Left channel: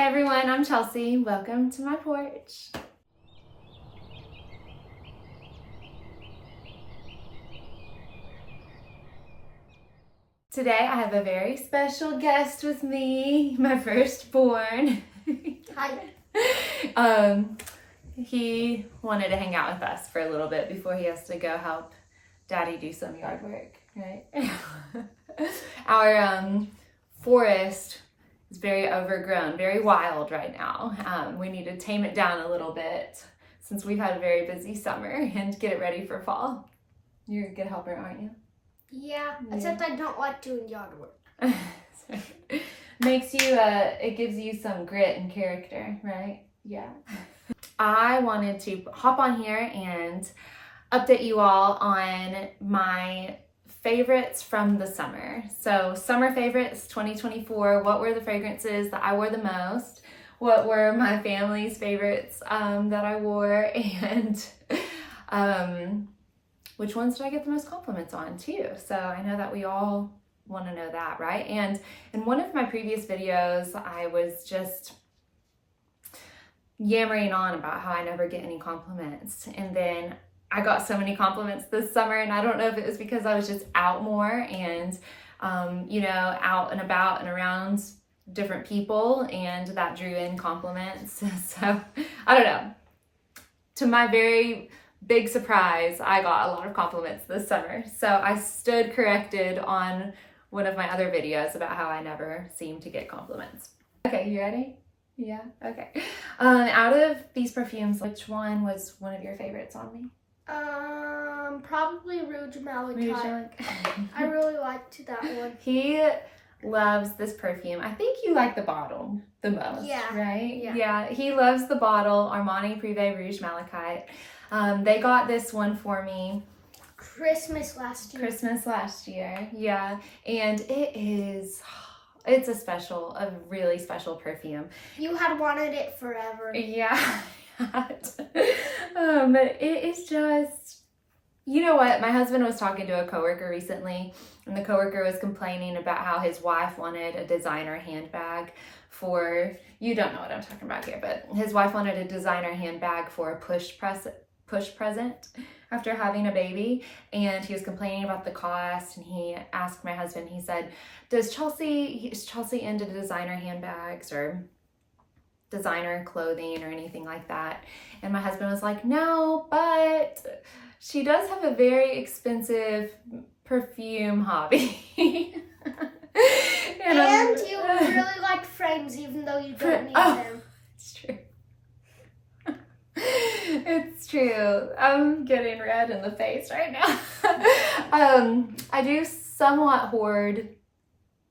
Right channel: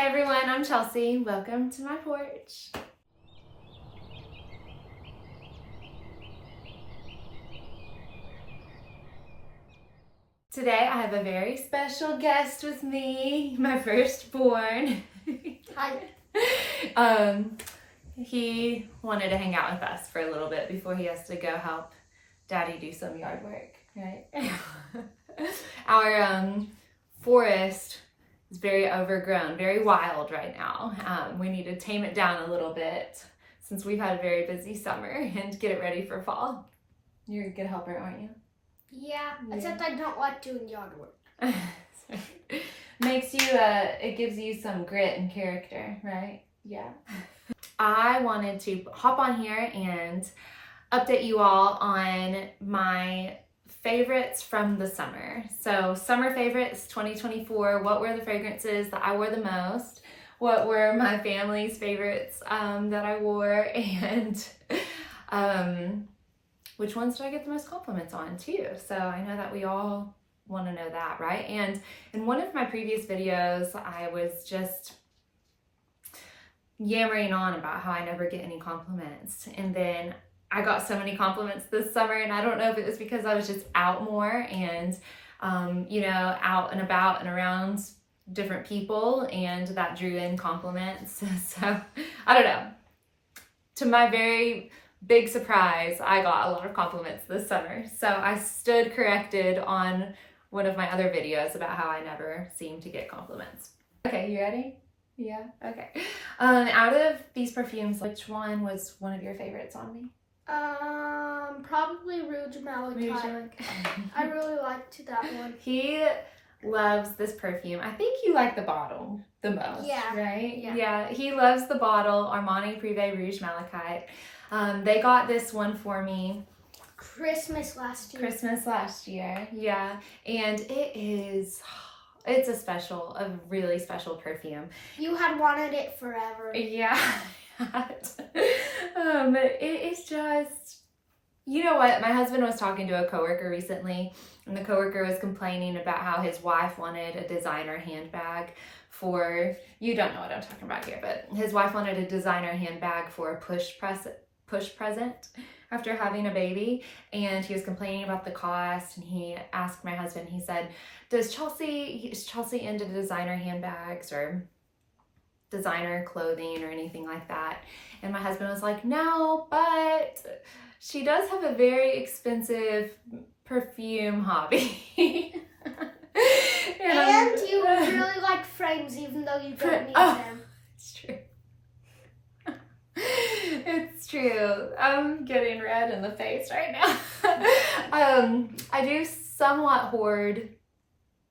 Hey everyone, I'm Chelsea. Welcome to my porch. Today I have a very special guest with me, my firstborn. Hi. He wanted to hang out with us for a little bit before he has to go help Daddy do some yard work, right? Our forest is very overgrown, very wild right now. We need to tame it down a little bit since we've had a very busy summer and get it ready for fall. You're a good helper, aren't you? Yeah, except I don't like doing yard work. Makes you, it gives you some grit and character, right? Yeah. I wanted to hop on here and update you all on my favorites from the summer. So summer favorites 2024, what were the fragrances that I wore the most? What were my family's favorites that I wore? And which ones did I get the most compliments on too? So I know that we all want to know that, right? And in one of my previous videos, I was just yammering on about how I never get any compliments. And then I got so many compliments this summer, and I don't know if it was because I was just out more and, out and about and around different people, and that drew in compliments. So I don't know. To my very big surprise, I got a lot of compliments this summer. So I stood corrected on one of my other videos about how I never seem to get compliments. Okay, you ready? Yeah, okay. Out of these perfumes, which one was one of your favorites on me? Probably Rouge Malachite. Rouge I really liked that one. He loves this perfume. I think you like the bottle the most, right? Yeah, he loves the bottle, Armani Privé Rouge Malachite. They got this one for me Christmas last year, yeah, and it's a really special perfume. You had wanted it forever. Yeah. It is just, you know what, my husband was talking to a coworker recently, and the coworker was complaining about how his wife wanted a designer handbag for, you don't know what I'm talking about here, but his wife wanted a designer handbag for a push present after having a baby, and he was complaining about the cost, and he asked my husband, he said, is Chelsea into designer handbags or designer clothing or anything like that? And my husband was like, no, but she does have a very expensive perfume hobby. and you really like frames even though you don't need them. It's true. It's true. I'm getting red in the face right now. I do somewhat hoard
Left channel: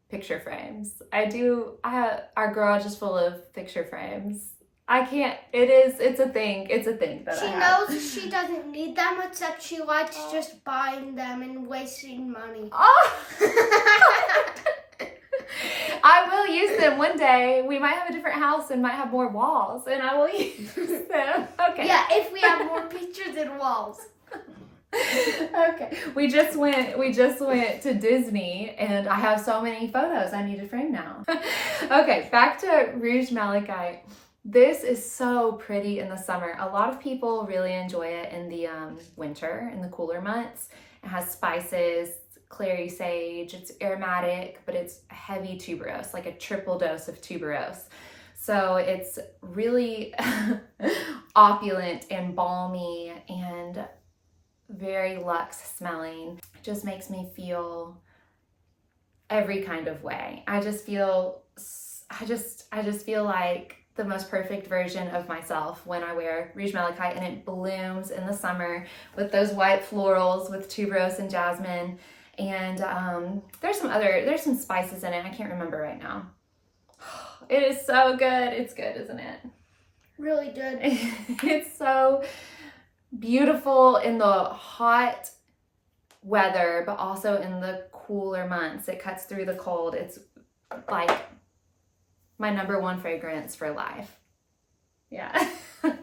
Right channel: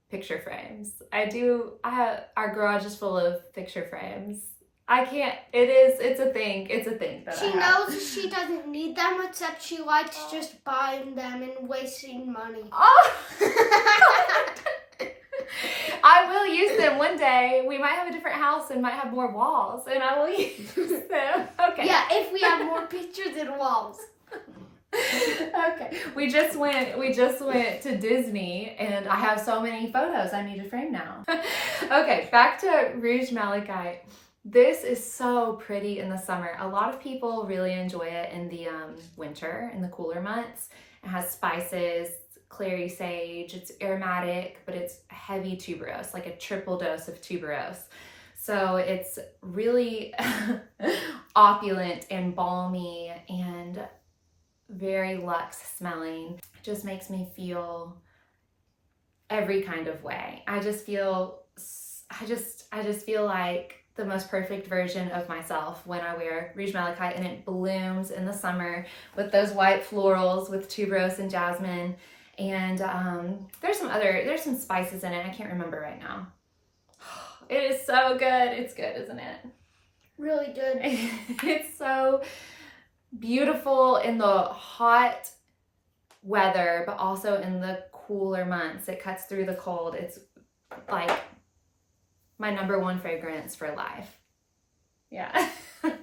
picture frames. Our garage is full of picture frames. It's a thing that I have. She knows she doesn't need them, except she likes just buying them and wasting money. Oh. I will use them one day. We might have a different house and might have more walls, and I will use them. Okay. Yeah, if we have more pictures and walls. Okay. We just went to Disney, and I have so many photos I need to frame now. Okay, back to Rouge Malachite. This is so pretty in the summer. A lot of people really enjoy it in the winter, in the cooler months. It has spices, clary sage, it's aromatic, but it's heavy tuberose, like a triple dose of tuberose. So it's really opulent and balmy and very luxe smelling. It just makes me feel every kind of way. I just feel like the most perfect version of myself when I wear Rouge Malachite, and it blooms in the summer with those white florals with tuberose and jasmine. And there's some spices in it. I can't remember right now. It is so good. It's good, isn't it? Really good. It's so beautiful in the hot weather, but also in the cooler months. It cuts through the cold. It's like my number one fragrance for life. Yeah.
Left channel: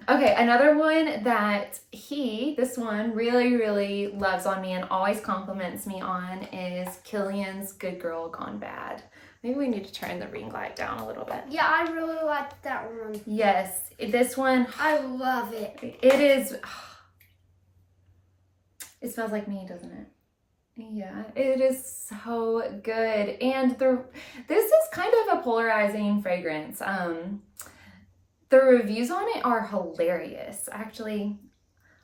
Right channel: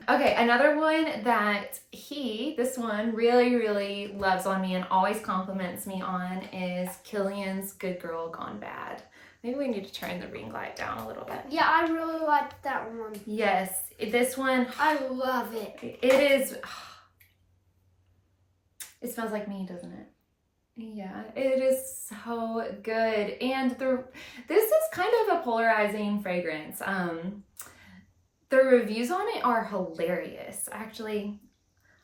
Okay, another one that this one really, really loves on me and always compliments me on is Kilian's Good Girl Gone Bad. Maybe we need to turn the ring light down a little bit. Yeah, I really like that one. Yes, this one. I love it. It is. It smells like me, doesn't it? Yeah, it is so good. And this is kind of a polarizing fragrance. The reviews on it are hilarious. Actually,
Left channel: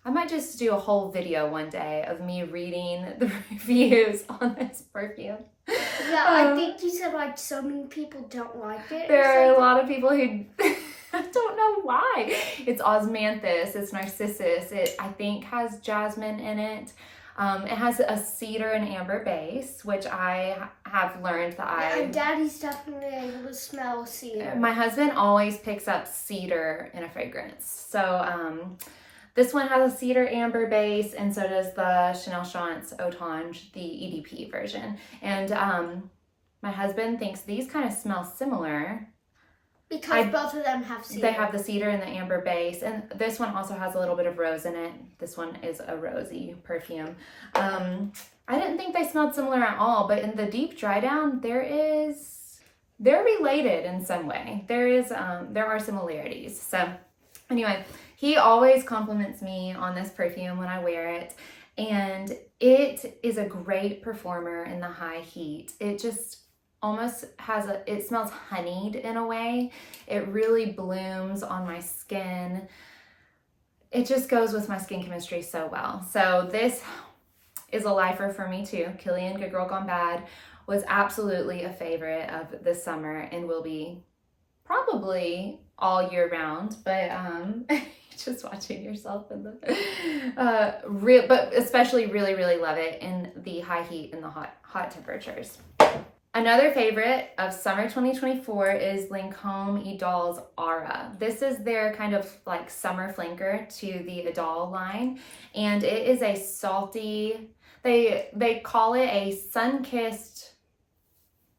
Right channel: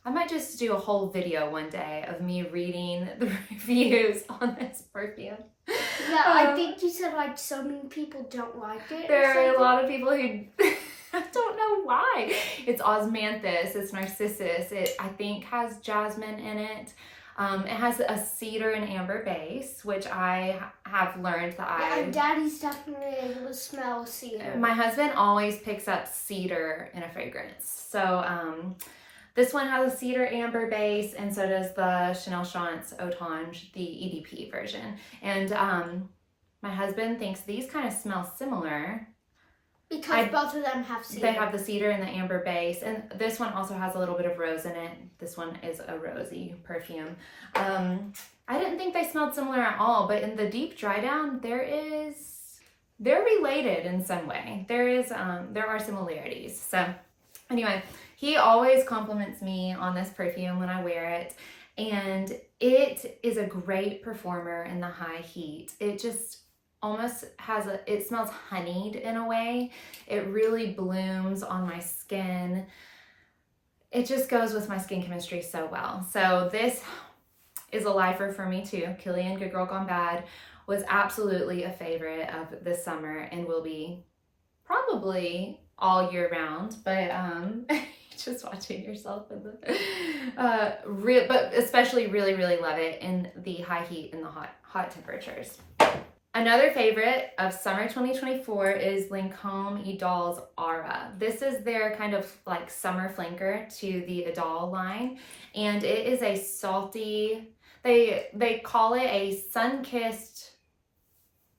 I might just do a whole video one day of me reading the reviews on this perfume. Yeah, I think you said like so many people don't like it. There are a lot of people who I don't know why. It's osmanthus, it's narcissus. It I think has jasmine in it. It has a cedar and amber base, which I have learned that yeah, Daddy's definitely able to smell cedar. My husband always picks up cedar in a fragrance. So this one has a cedar amber base, and so does the Chanel Chance Autange, the EDP version. And my husband thinks these kind of smell similar. Because both of them have cedar. They have the cedar and the amber base, and this one also has a little bit of rose in it. This one is a rosy perfume. I didn't think they smelled similar at all, but in the deep dry down, they're related in some way. There are similarities. So anyway, he always compliments me on this perfume when I wear it, and it is a great performer in the high heat. It just almost it smells honeyed in a way. It really blooms on my skin. It just goes with my skin chemistry so well. So this is a lifer for me too. Kilian Good Girl Gone Bad was absolutely a favorite of this summer and will be probably all year round, but just watching yourself in the but especially really love it in the high heat and the hot temperatures. Another favorite of summer 2024 is Lancôme Idole's Aura. This is their kind of like summer flanker to the Idole line, and it is a salty, they call it a sun-kissed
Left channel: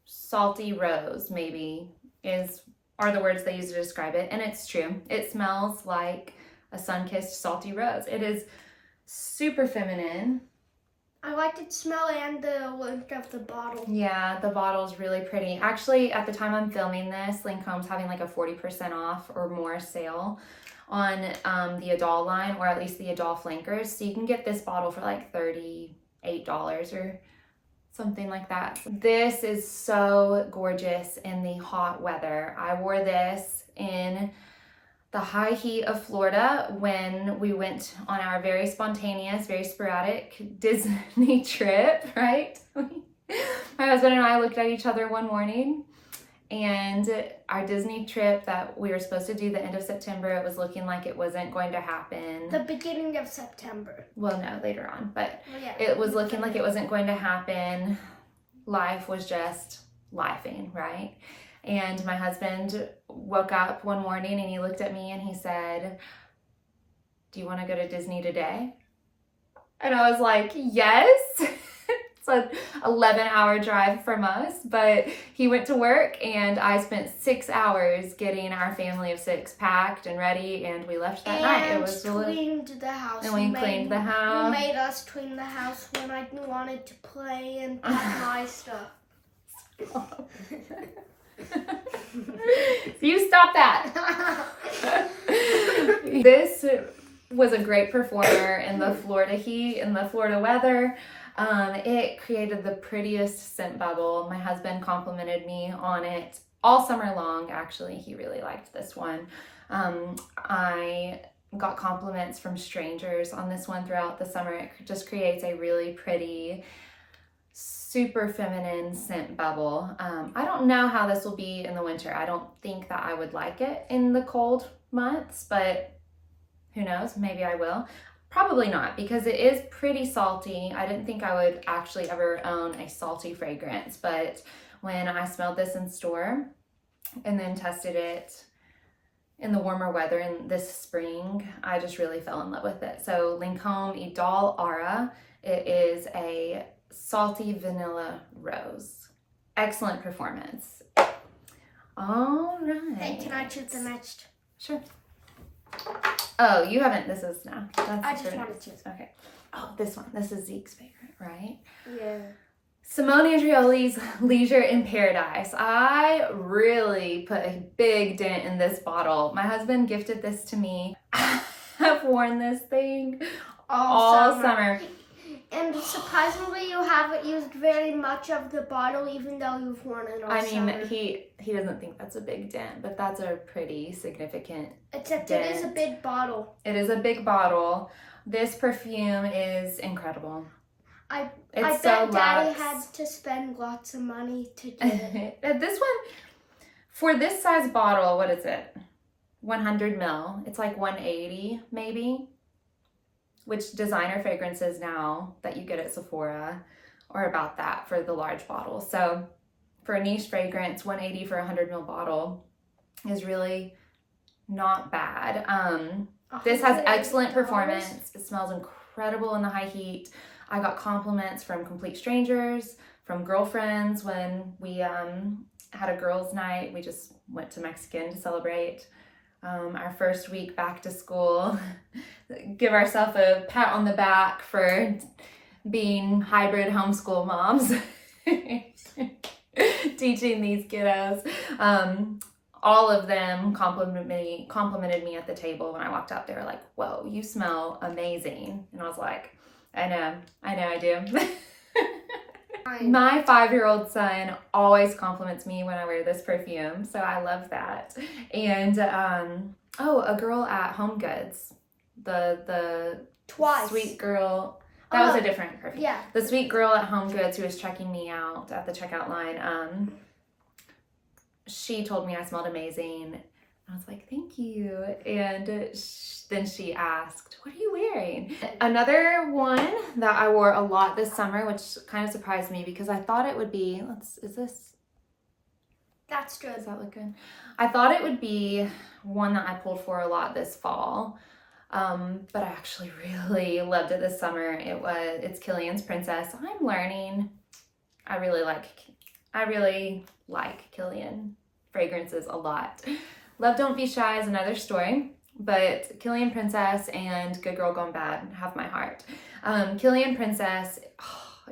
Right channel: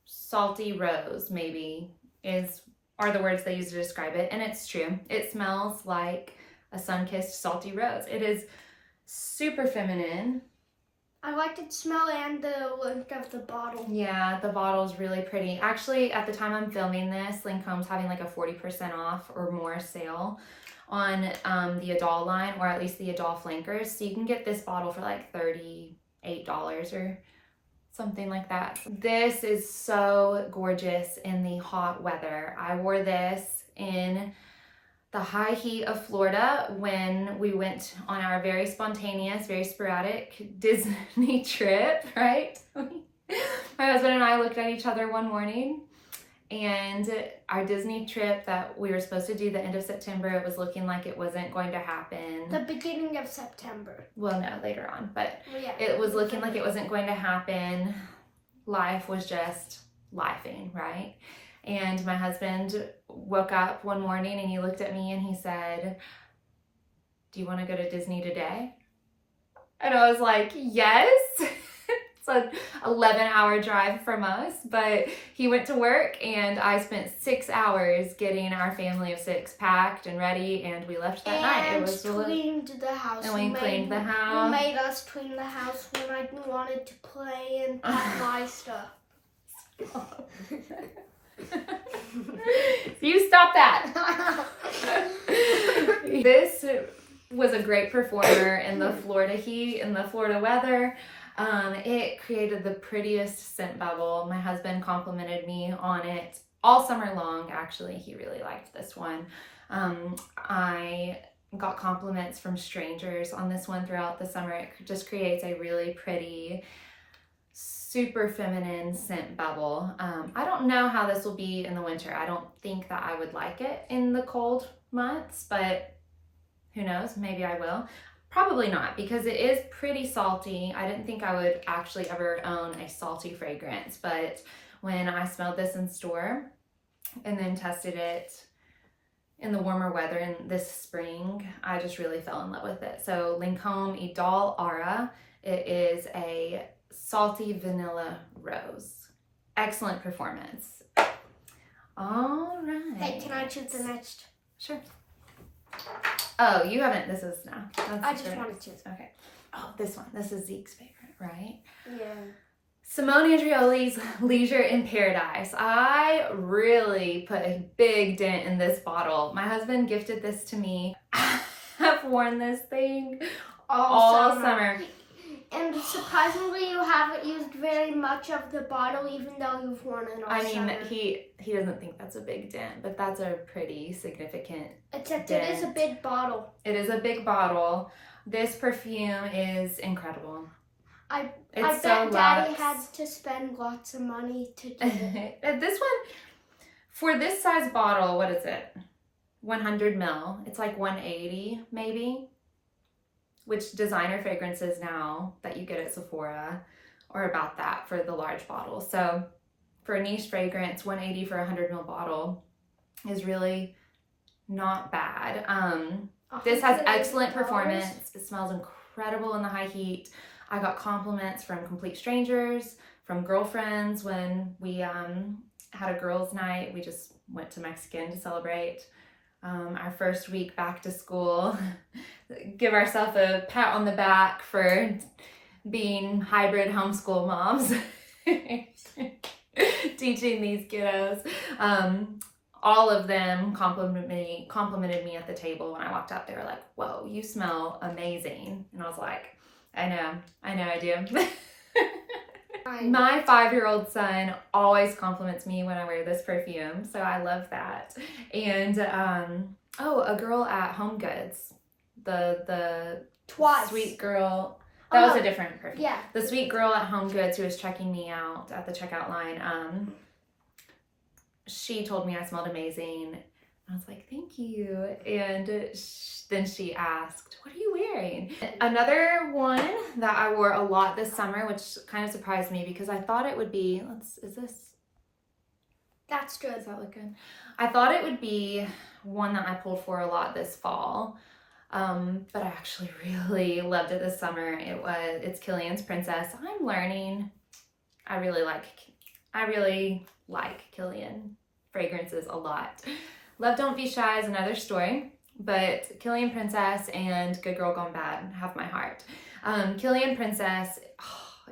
salty rose, maybe are the words they use to describe it, and it's true. It smells like a sun-kissed salty rose. It is super feminine. I like the smell and the look of the bottle. Yeah, the bottle is really pretty. Actually, at the time I'm filming this, Lancôme's having like a 40% off or more sale on the Idole line, or at least the Idole flankers. So you can get this bottle for like $38 or something like that. This is so gorgeous in the hot weather. I wore this in the high heat of Florida when we went on our very spontaneous, very sporadic Disney trip, right? My husband and I looked at each other one morning, and our Disney trip that we were supposed to do the end of September, it was looking like it wasn't going to happen. The beginning of September. Well, no, later on, but yeah, it was looking like it wasn't going to happen. Life was just lifing, right? And my husband woke up one morning and he looked at me and he said, "Do you want to go to Disney today?" And I was like, yes. It's an 11-hour drive from us, but he went to work and I spent 6 hours getting our family of 6 packed and ready, and we left that night. It was cleaned the house. And we cleaned the house. You made us clean the house when I wanted to play and pack my stuff. You stop that. This was a great performer in the Florida heat, in the Florida weather. It created the prettiest scent bubble. My husband complimented me on it all summer long. Actually, he really liked this one. I got compliments from strangers on this one throughout the summer. It just creates a really pretty, super feminine scent bubble. I don't know how this will be in the winter. I don't think that I would like it in the cold months, but who knows? Maybe I will. Probably not, because it is pretty salty. I didn't think I would actually ever own a salty fragrance, but when I smelled this in store and then tested it in the warmer weather in this spring, I just really fell in love with it. So Lancôme Idole Aura, it is a salty vanilla rose. Excellent performance. All right. Hey, can I choose the next? Sure. Oh, you haven't. This is I just wanted to. Okay. Oh, this one. This is Zeke's favorite, right? Yeah. Simone Andreoli's Leisure in Paradise. I really put a big dent in this bottle. My husband gifted this to me. I've worn this thing all summer. And surprisingly, you haven't used very much of the bottle, even though you've worn it all summer. He doesn't think that's a big dent, but that's a pretty significant Except dent. it is a big bottle. It is a big bottle. This perfume is incredible. I bet Daddy had to spend lots of money to get it. This one, for this size bottle, what is it? 100 ml. It's like 180 maybe, which designer fragrances now that you get at Sephora are about that for the large bottle. So for a niche fragrance, 180 for a 100 ml bottle is really not bad. This has excellent performance. It smells incredible in the high heat. I got compliments from complete strangers, from girlfriends when we had a girls' night. We just went to Mexican to celebrate our first week back to school. Give ourselves a pat on the back for being hybrid homeschool moms. Teaching these kiddos. All of them complimented me at the table when I walked out. They were like, "Whoa, you smell amazing." And I was like, I know I do. My 5-year-old son always compliments me when I wear this perfume, so I love that. And a girl at Home Goods, the sweet girl, that was a different perfume. Yeah. The sweet girl at Home Goods who was checking me out at the checkout line, she told me I smelled amazing. I was like, thank you. And then she asked, what are you wearing? Another one that I wore a lot this summer, which kind of surprised me because I thought it would be, that's good. Does that look good? I thought it would be one that I pulled for a lot this fall. But I actually really loved it this summer. It's Kilian's Princess. I'm learning. I really like Kilian fragrances a lot. Love Don't Be Shy is another story, but Kilian Princess and Good Girl Gone Bad have my heart. Kilian Princess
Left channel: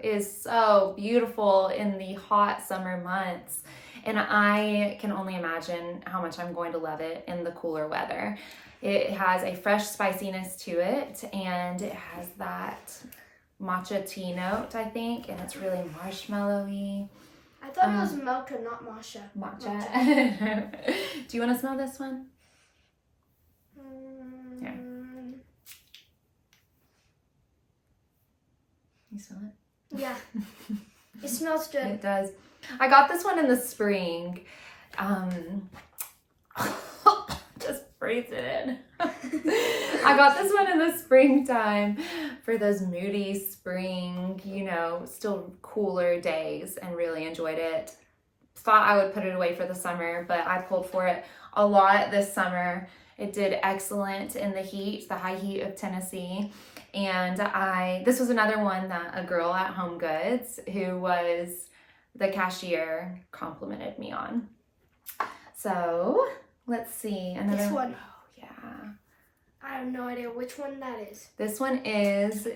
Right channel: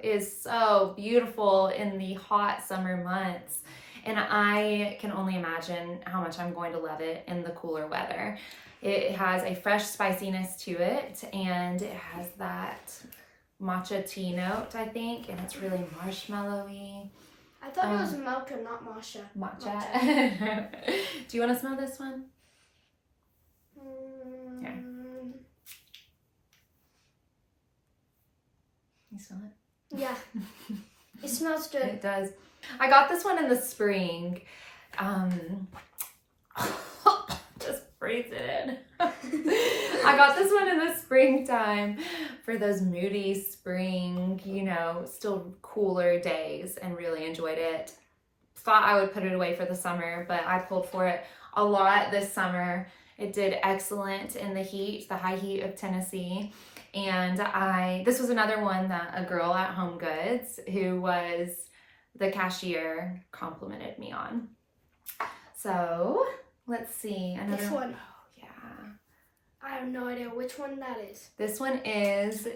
is so beautiful in the hot summer months, and I can only imagine how much I'm going to love it in the cooler weather. It has a fresh spiciness to it, and it has that matcha tea note, I think, and it's really marshmallowy. I thought it was mocha, not matcha. Matcha. Do you want to smell this one? Here. You smell it? Yeah. It smells good. It does. I got this one in the spring. Just breathe it in. I got this one in the springtime for those moody spring, still cooler days, and really enjoyed it. Thought I would put it away for the summer, but I pulled for it a lot this summer. It did excellent in the high heat of Tennessee. And this was another one that a girl at Home Goods, who was the cashier, complimented me on. So let's see. This one. Oh, yeah. I have no idea which one that is. This one is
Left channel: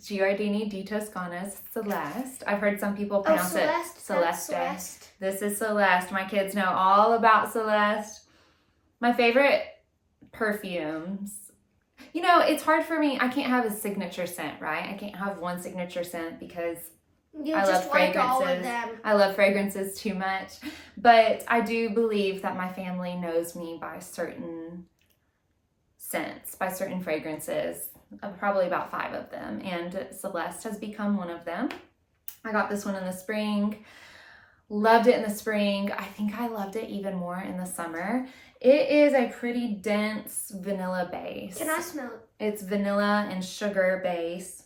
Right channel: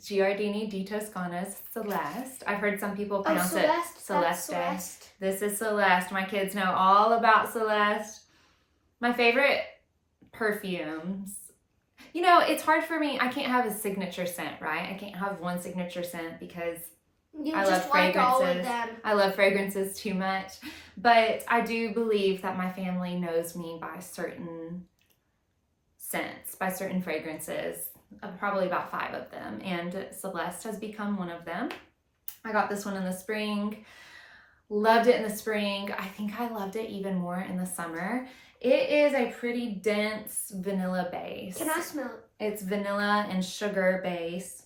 Giardini di Toscana's Celeste. I've heard some people pronounce it Celeste. This is Celeste. My kids know all about Celeste. My favorite perfumes. It's hard for me. I can't have a signature scent, right? I can't have one signature scent because I love fragrances. I love fragrances too much. But I do believe that my family knows me by certain scents, by certain fragrances, probably about 5 of them, and Celeste has become one of them. I got this one in the spring, loved it in the spring. I think I loved it even more in the summer. It is a pretty dense vanilla base. Can I smell it? It's vanilla and sugar base.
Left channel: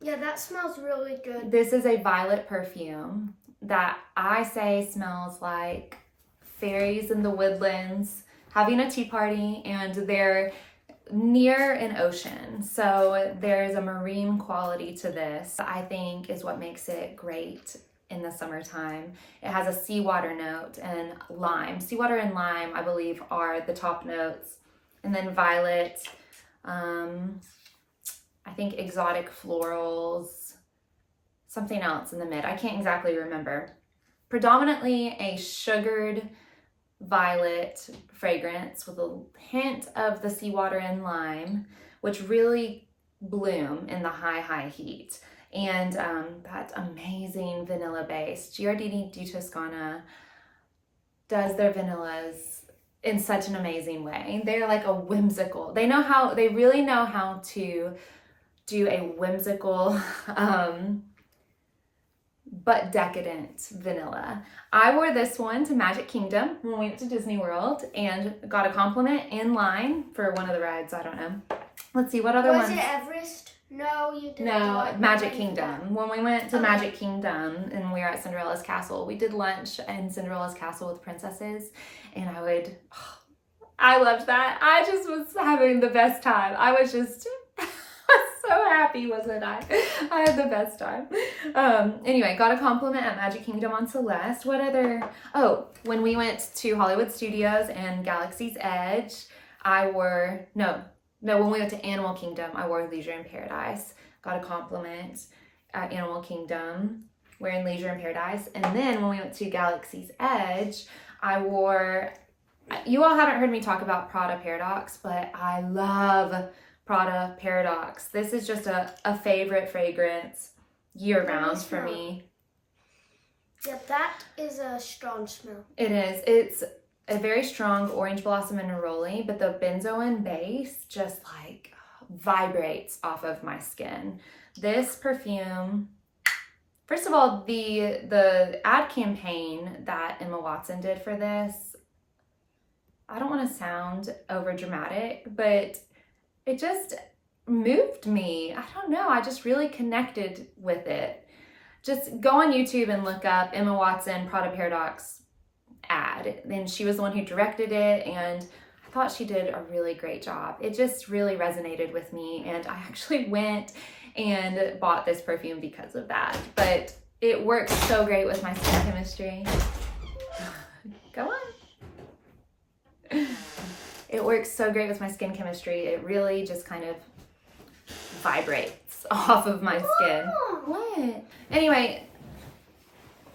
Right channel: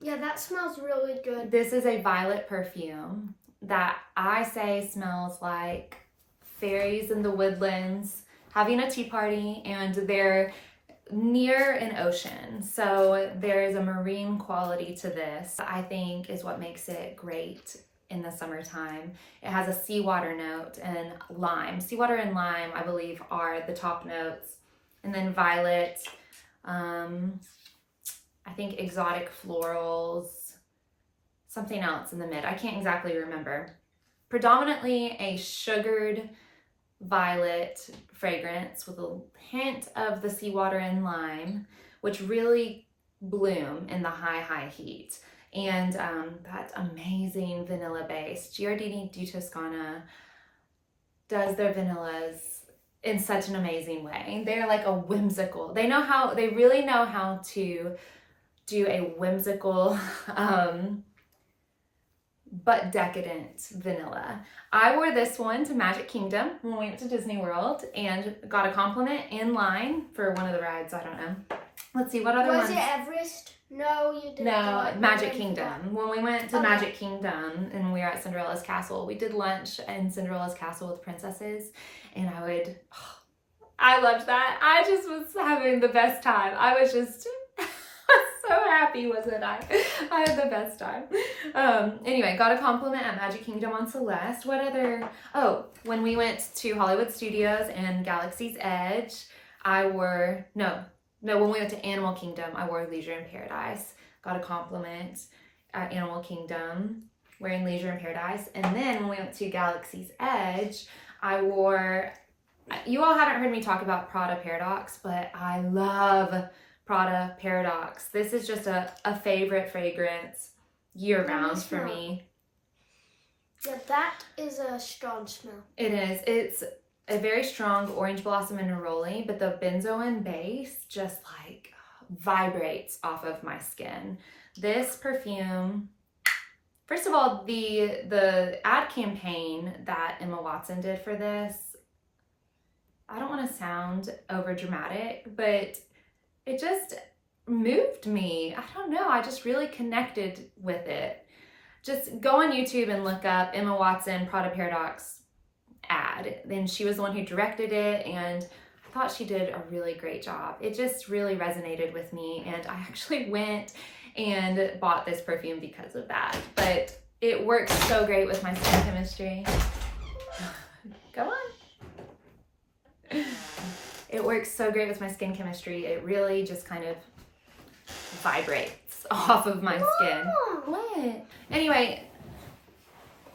Yeah, that smells really good. This is a violet perfume that I say smells like fairies in the woodlands having a tea party, and they're near an ocean. So there's a marine quality to this, I think, is what makes it great in the summertime. It has a seawater note and lime. Seawater and lime, I believe, are the top notes. And then violet, I think exotic florals, something else in the mid. I can't exactly remember. Predominantly a sugared violet fragrance with a hint of the seawater and lime, which really bloom in the high heat. And that amazing vanilla base. Giardini di Toscana does their vanillas in such an amazing way. They're like a whimsical. They really know how to do a whimsical but decadent vanilla. I wore this one to Magic Kingdom when we went to Disney World and got a compliment in line for one of the rides. I don't know. Let's see, what other ones? Was it Everest? No, you didn't. No, Magic Kingdom. When we went to Magic Kingdom and we were at Cinderella's Castle, we did lunch in Cinderella's Castle with princesses, and I loved that. I just was having the best time. I was just so happy, wasn't I? I had the best time. Anyway, got a compliment at Magic Kingdom on Celeste. What other? Oh, when we went to Hollywood Studios and Galaxy's Edge, when we went to Animal Kingdom, I wore Leisure in Paradise. Got a compliment at Animal Kingdom wearing Leisure in Paradise. And then when we went to Galaxy's Edge, I wore, you all haven't heard me talk about Prada Paradoxe, but I love Prada Paradoxe. This is just a favorite fragrance year-round for me. Yeah, that is a strong smell. It is. It's a very strong orange blossom and neroli, but the benzoin base just like vibrates off of my skin. This perfume, first of all, the ad campaign that Emma Watson did for this, I don't want to sound over dramatic, but it just moved me. I don't know. I just really connected with it. Just go on YouTube and look up Emma Watson Prada Paradoxe ad. And she was the one who directed it, and I thought she did a really great job. It just really resonated with me, and I actually went and bought this perfume because of that. But it works so great with my skin chemistry. Go on. It works so great with my skin chemistry. It really just kind of vibrates off of my skin. What? Anyway,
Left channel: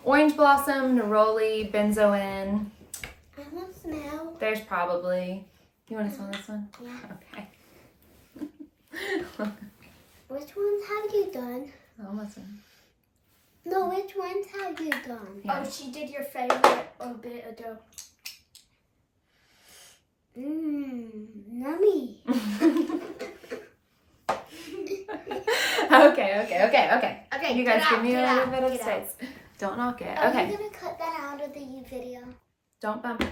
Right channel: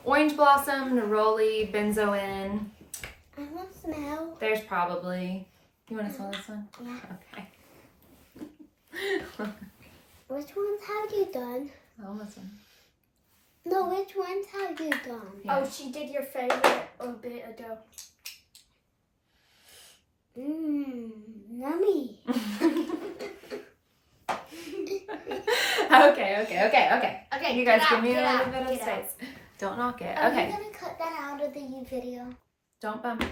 orange blossom, neroli, benzoin. I want to smell. There's probably. You want to smell this one? Yeah. Okay. Which ones have you done? Almost one. No, which ones have you done? Yeah. Oh, she did your favorite a bit ago. Yummy. Okay. You guys give me a little bit of space. Don't knock it. Are Okay. you gonna cut that out of the video? Don't bump.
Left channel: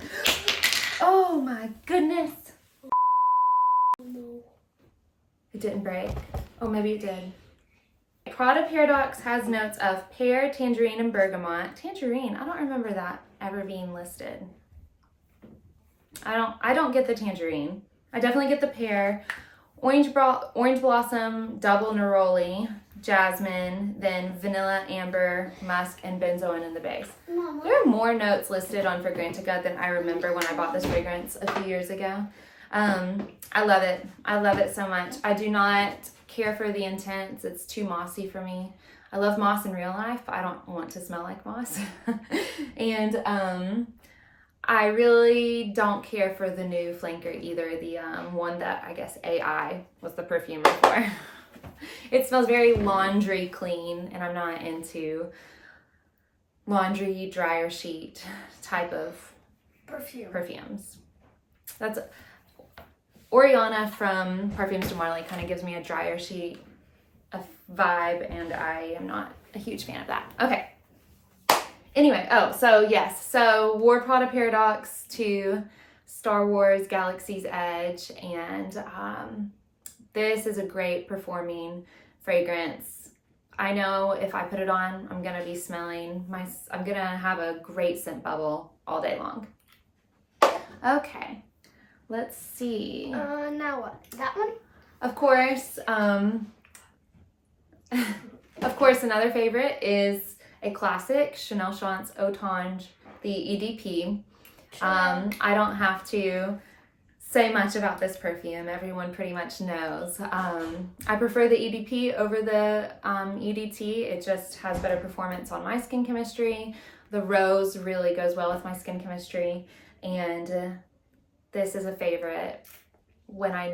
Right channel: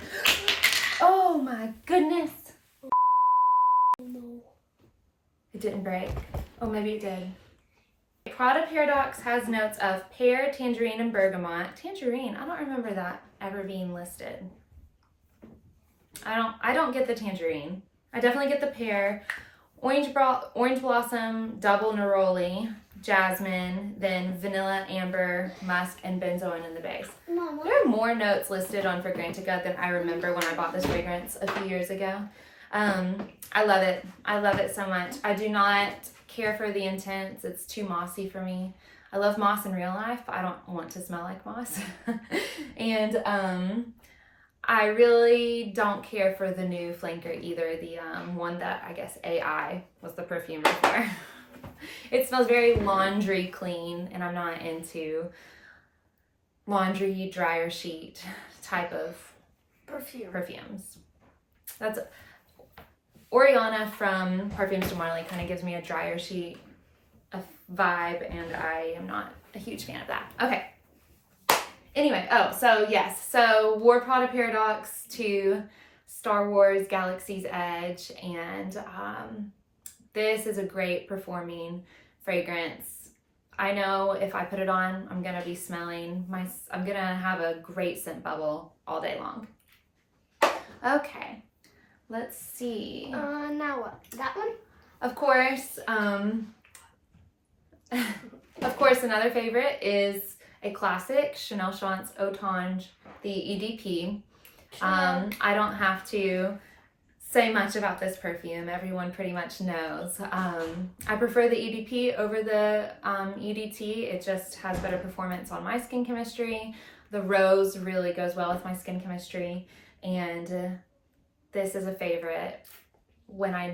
Oh my goodness. No. It didn't break. Oh, maybe it did. Prada Paradoxe has notes of pear, tangerine, and bergamot. Tangerine, I don't remember that ever being listed. I don't get the tangerine. I definitely get the pear. Orange blossom, double neroli, jasmine, then vanilla, amber, musk, and benzoin in the base. Mama. There are more notes listed on Fragrantica than I remember when I bought this fragrance a few years ago. I love it. I love it so much. I do not care for the intense. It's too mossy for me. I love moss in real life, but I don't want to smell like moss. And I really don't care for the new flanker either. The one that I guess AI was the perfumer for. It smells very laundry clean, and I'm not into laundry dryer sheet type of perfumes. That's Oriana from Parfums de Marly kind of gives me a dryer sheet vibe, and I am not a huge fan of that. Okay. Anyway, so wore Prada Paradoxe to Star Wars Galaxy's Edge, and this is a great performing fragrance. I know if I put it on, I'm gonna be smelling I'm gonna have a great scent bubble all day long. Okay, let's see. Now what? That one? Of course, another favorite is a classic, Chanel Chance Autange, the EDP. I don't have to say much about this perfume. Everyone pretty much knows. I prefer the EDP over the EDT. It just has better performance on my skin chemistry. The rose really goes well with my skin chemistry. And this is a favorite when I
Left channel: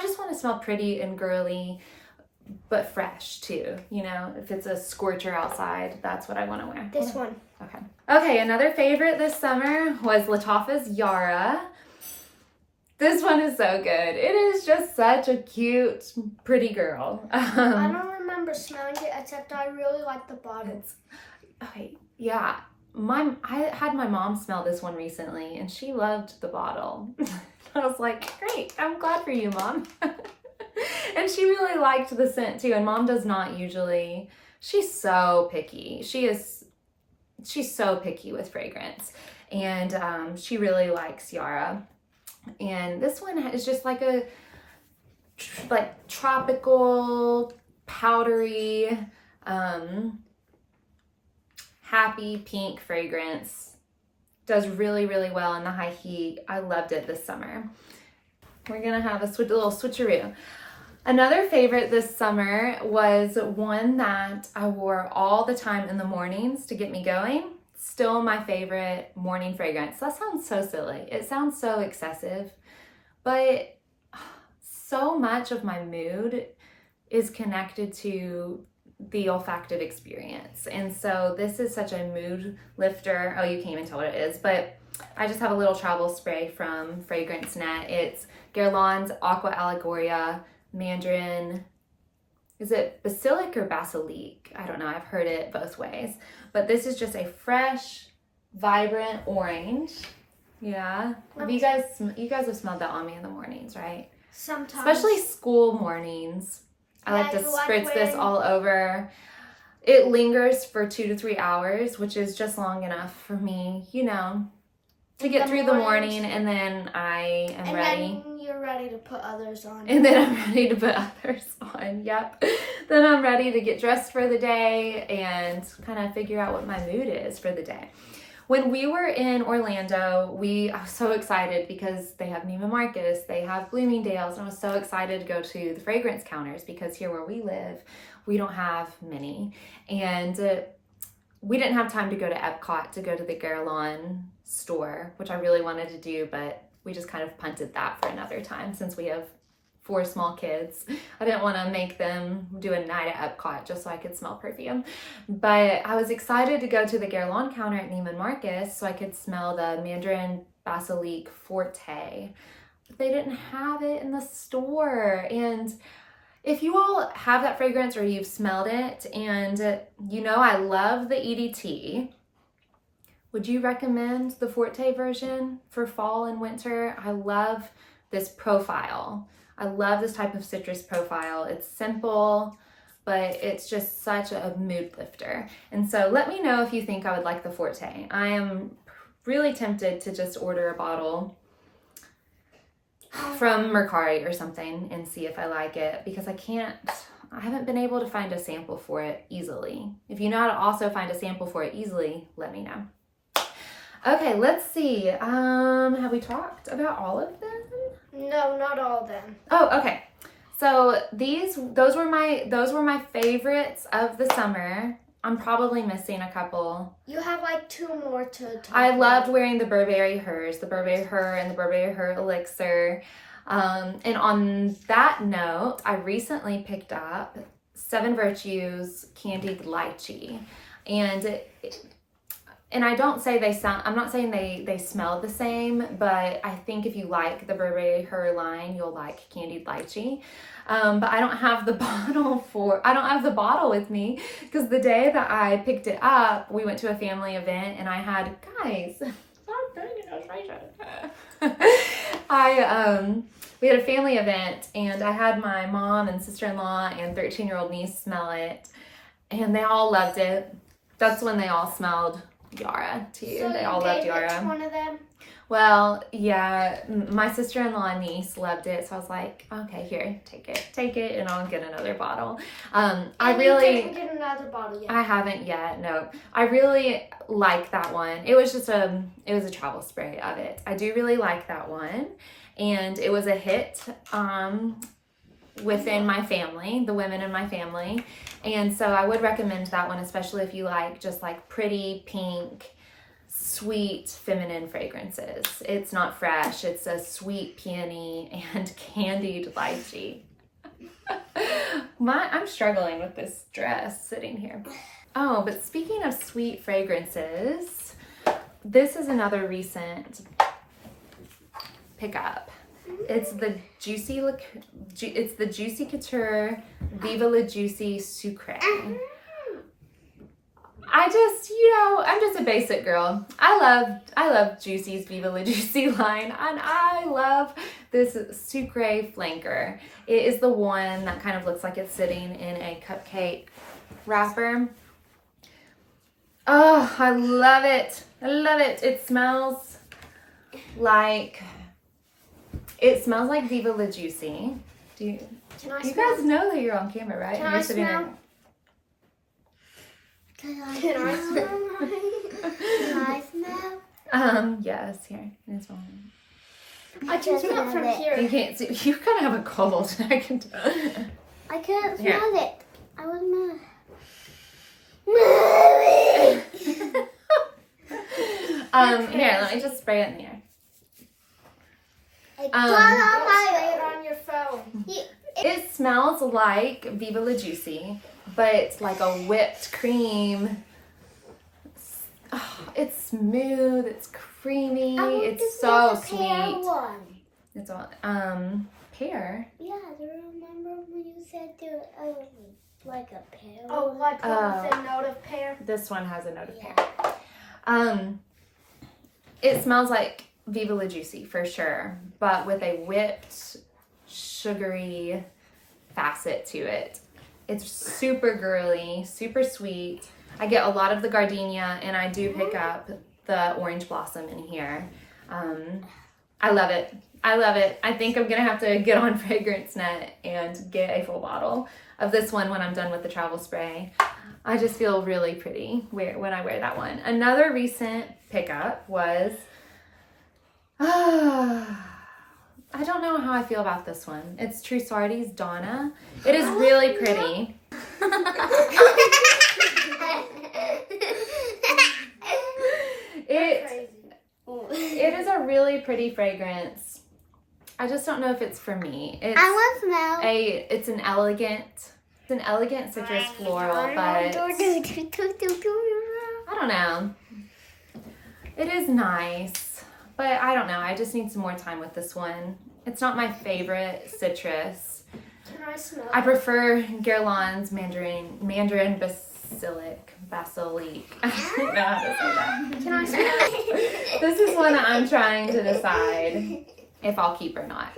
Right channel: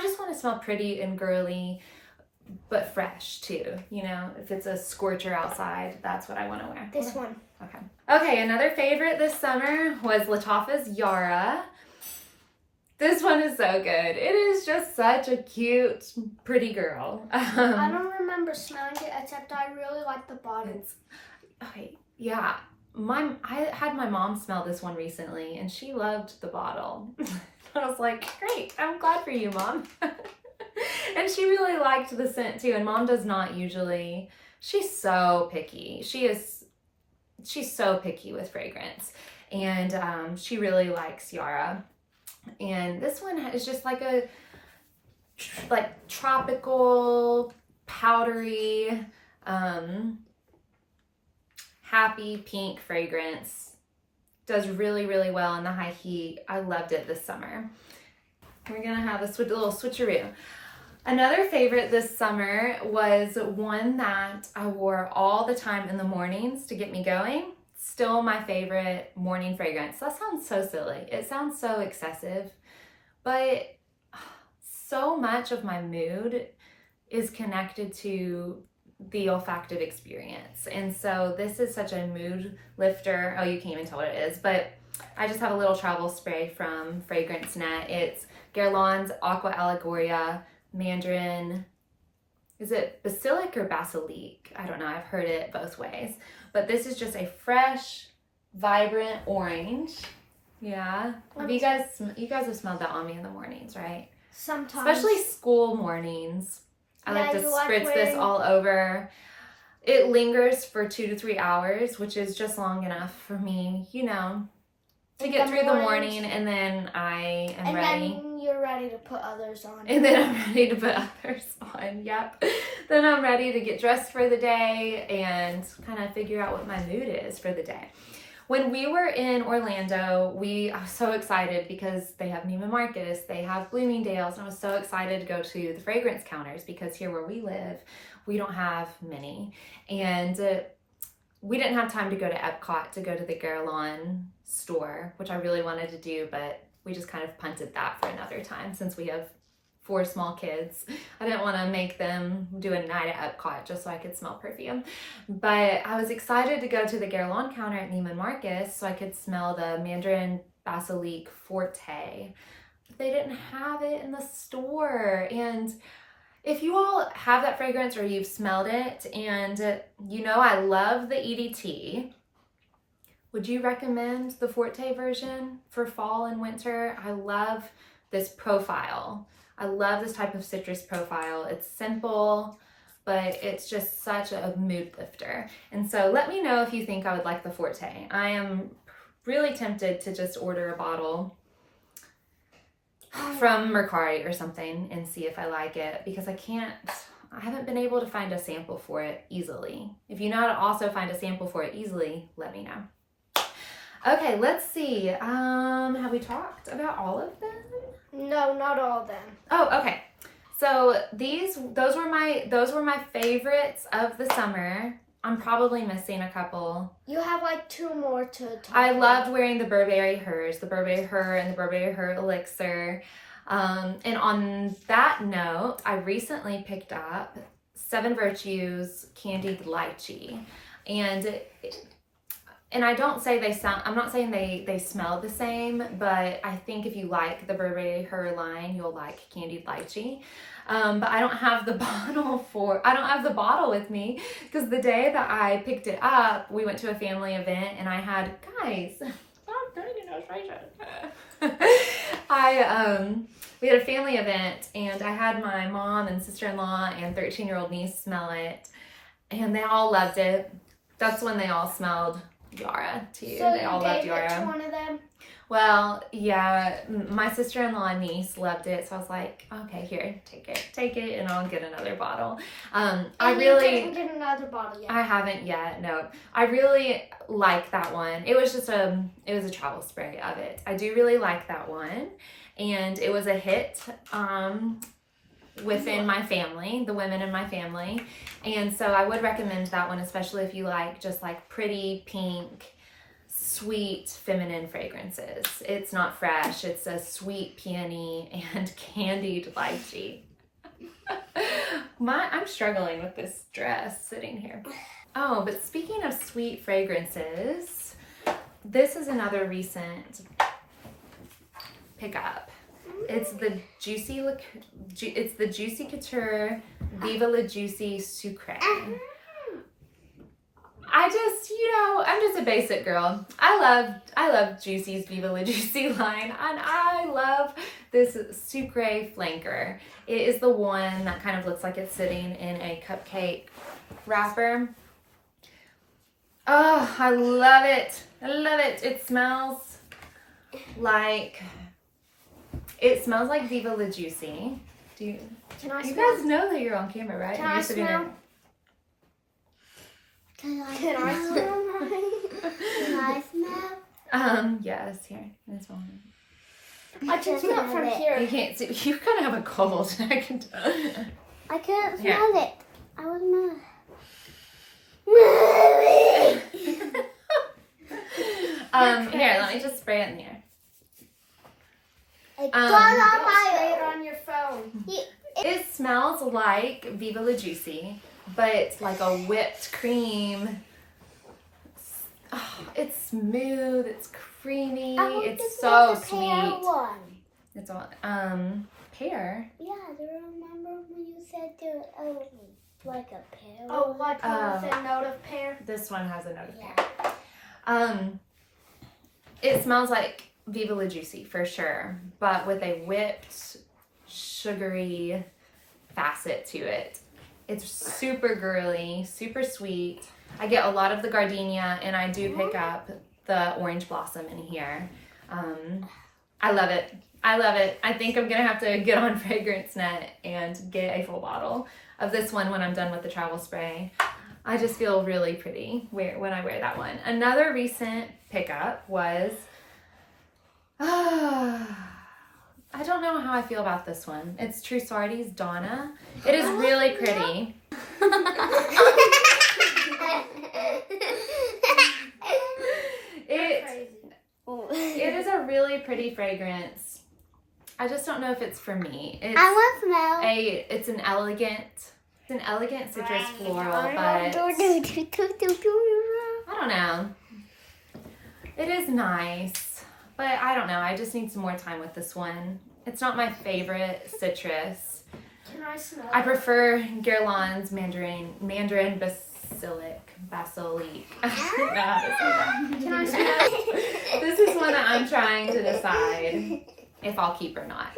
just want to smell pretty and girly, but fresh too. You know, if it's a scorcher outside, that's what I want to wear. This one. Okay. Okay, another favorite this summer was Lattafa Yara. This one is so good. It is just such a cute, pretty girl. I don't remember smelling it, except I really like the bottle. Okay, yeah. I had my mom smell this one recently, and she loved the bottle. I was like, great, I'm glad for you, Mom. And she really liked the scent too, and Mom does not usually. She's so picky. She's so picky with fragrance, and she really likes Yara. And this one is just like a tropical, powdery, happy pink fragrance. Does really, really well in the high heat. I loved it this summer. We're gonna have a little switcheroo. Another favorite this summer was one that I wore all the time in the mornings to get me going. Still my favorite morning fragrance. That sounds so silly. It sounds so excessive, but so much of my mood is connected to the olfactive experience. And so this is such a mood lifter. Oh, you can't even tell what it is, but I just have a little travel spray from Fragrance Net. It's Guerlain's Aqua Allegoria, Mandarine. Is it Basilic or Basilic? I don't know. I've heard it both ways. But this is just a fresh, vibrant orange. Yeah. You guys have smelled that on me in the mornings, right? Sometimes. Especially school mornings. I like to spritz this when- all over. It lingers for 2 to 3 hours, which is just long enough for me, you know, to get through the morning, and then I am ready. Then you're ready to put others on. And then I'm ready to put others on, yep. Then I'm ready to get dressed for the day and kind of figure out what my mood is for the day. When we were in Orlando, I was so excited because they have Neiman Marcus, they have Bloomingdale's, and I was so excited to go to the fragrance counters because here where we live, we don't have many. And we didn't have time to go to Epcot to go to the Guerlain store, which I really wanted to do, but we just kind of punted that for another time since we have 4 small kids. I didn't want to make them do a night at Epcot just so I could smell perfume. But I was excited to go to the Guerlain counter at Neiman Marcus so I could smell the Mandarin Basilic Forte. But they didn't have it in the store. And if you all have that fragrance or you've smelled it and you know I love the EDT, would you recommend the Forte version for fall and winter? I love this profile. I love this type of citrus profile. It's simple, but it's just such a mood lifter. And so let me know if you think I would like the Forte. I am really tempted to just order a bottle from Mercari or something and see if I like it, because I haven't been able to find a sample for it easily. If you know how to also find a sample for it easily, let me know. Okay, let's see. Have we talked about all of them? No, not all of them. Oh, okay. So those were my favorites of the summer. I'm probably missing a couple. You have like 2 more to talk I about. loved wearing the Burberry Hers, the Burberry Her and the Burberry Her Elixir. And on that note, I recently picked up 7 Virtues Candied Lychee. And I don't say I'm not saying they smell the same, but I think if you like the Burberry Her line, you'll like Candied Lychee. But I don't have the bottle with me because the day that I picked it up, we went to a family event and I had, guys, stop doing illustration. We had a family event and I had my mom and sister-in-law and 13-year-old niece smell it and they all loved it. That's when they all smelled Yara too. So they all loved Yara. To one of them? Well, yeah, my sister-in-law and niece loved it, so I was like, okay, here, take it, and I'll get another bottle. I really didn't get another bottle yet. I haven't yet. No, I really like that one. It was just it was a travel spray of it. I do really like that one, and it was a hit within my family, the women in my family, and so I would recommend that one, especially if you like just like pretty pink, sweet feminine fragrances. It's not fresh. It's a sweet peony and candied lychee. I'm struggling with this dress sitting here. Oh, but speaking of sweet fragrances, this is another recent pickup. It's the Juicy Couture Viva La Juicy Sucre. I'm just a basic girl. I love Juicy's Viva La Juicy line, and I love this Sucre flanker. It is the one that kind of looks like it's sitting in a cupcake wrapper. Oh, I love it. I love it. It smells like Viva La Juicy. You guys know that you're on camera, right? Can You're I sitting smell? there. Can I smell? Yes, here. It's fine. I can smell it from here. You can't see. You kind of have a cold. I can tell. I can't Here. smell it. I will smell it. Here, let me just spray it in the air. Don't spray it on your phone. It smells like Viva La Juicy, but like a whipped cream. Oh, it's smooth, it's creamy, it's so sweet. It's all pear. Yeah, do you remember when you said like a pear? Oh, like with a note of pear? This one has a note of pear. It smells like Viva La Juicy for sure, but with a whipped, sugary facet to it. It's super girly, super sweet. I get a lot of the gardenia, and I do pick up the orange blossom in here. I love it. I love it. I think I'm gonna have to get on FragranceNet and get a full bottle of this one when I'm done with the travel spray. I just feel really pretty when I wear that one. Another recent pickup was, I don't know how I feel about this one. It's Trussardi's Donna. It is really pretty. It is a really pretty fragrance. I just don't know if it's for me. I want to smell. It's an elegant citrus floral, but I don't know. It is nice, but I don't know. I just need some more time with this one. It's not my favorite citrus. Can I smell I prefer Guerlain's Mandarin Basilic. I don't know how to say that. Can I smell? This is one that I'm trying to decide if I'll keep or not.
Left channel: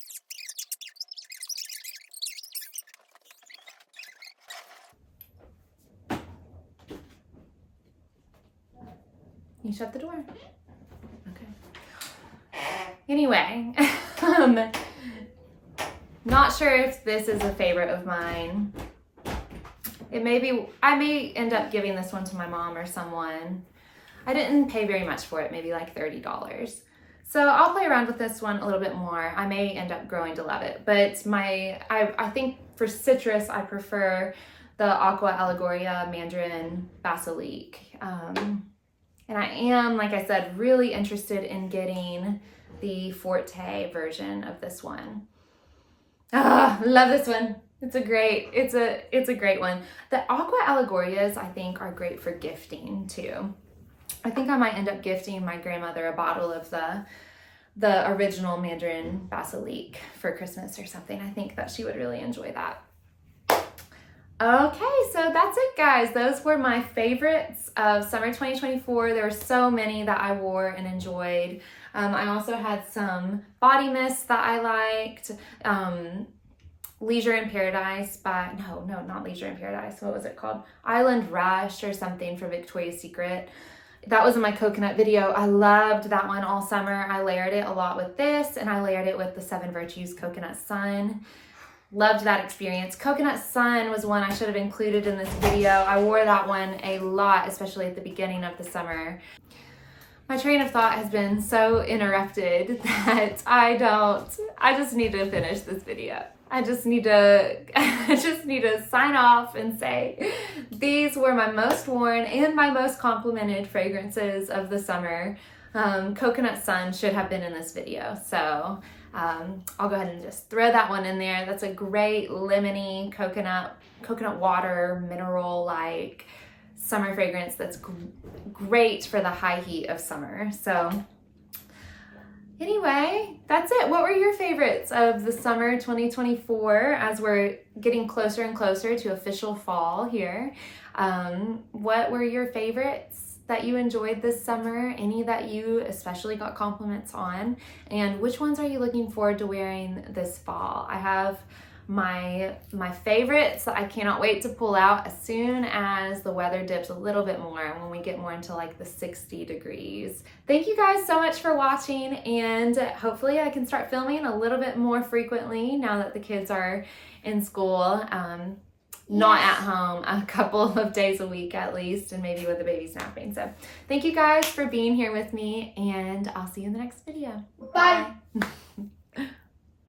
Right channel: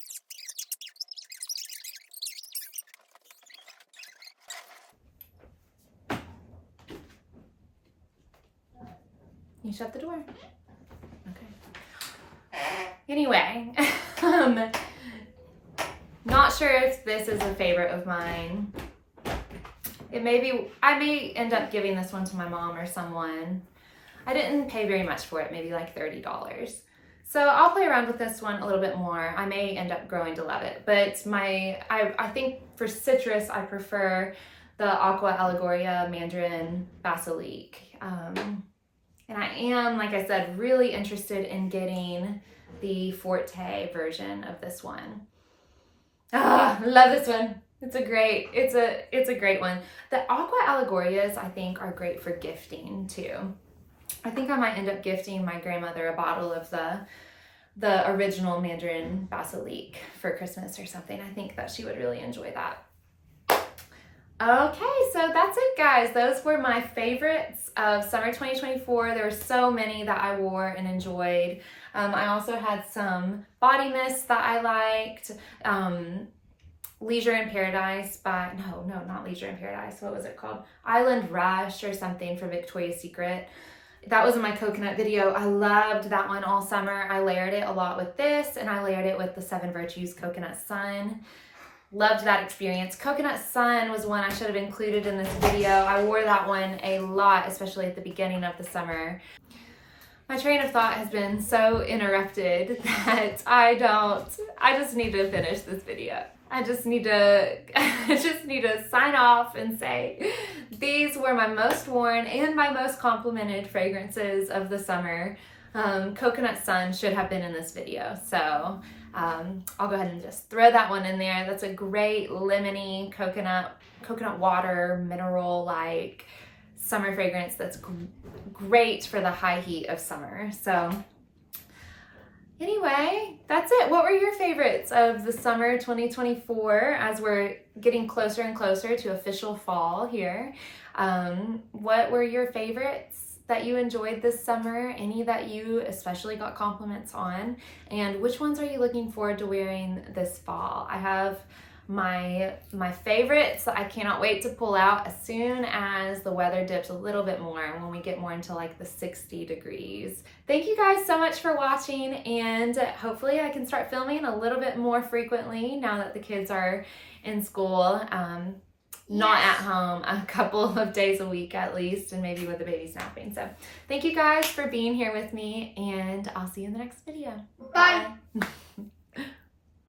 You shut the door. Okay. Anyway, not sure if this is a favorite of mine. I may end up giving this one to my mom or someone. I didn't pay very much for it, maybe like $30. So I'll play around with this one a little bit more. I may end up growing to love it, but I think for citrus, I prefer the Aqua Allegoria Mandarin Basilic. And I am, like I said, really interested in getting the Forte version of this one. Love this one. It's a great one. The Aqua Allegorias, I think, are great for gifting too. I think I might end up gifting my grandmother a bottle of the original Mandarin Basilic for Christmas or something. I think that she would really enjoy that. Okay, so that's it, guys. Those were my favorites of summer 2024. There were so many that I wore and enjoyed. I also had some body mists that I liked. Leisure in Paradise not Leisure in Paradise. What was it called? Island Rush or something for Victoria's Secret. That was in my coconut video. I loved that one all summer. I layered it a lot with this, and I layered it with the 7 Virtues Coconut Sun. Loved that experience. Coconut Sun was one I should have included in this video. I wore that one a lot, especially at the beginning of the summer. My train of thought has been so interrupted that I just need to finish this video. I just need to sign off and say these were my most worn and my most complimented fragrances of the summer. Coconut Sun should have been in this video, so I'll go ahead and just throw that one in there. That's a great lemony coconut water mineral-like summer fragrance that's great for the high heat of summer. So anyway, that's it. What were your favorites of the summer 2024 as we're getting closer and closer to official fall here? What were your favorites that you enjoyed this summer? Any that you especially got compliments on? And which ones are you looking forward to wearing this fall? I have my favorites that I cannot wait to pull out as soon as the weather dips a little bit more and when we get more into like the 60 degrees. Thank you guys so much for watching, and hopefully I can start filming a little bit more frequently now that the kids are in school. Not at home a couple of days a week at least, and maybe with the baby napping. So thank you guys for being here with me, and I'll see you in the next video. Bye. Bye.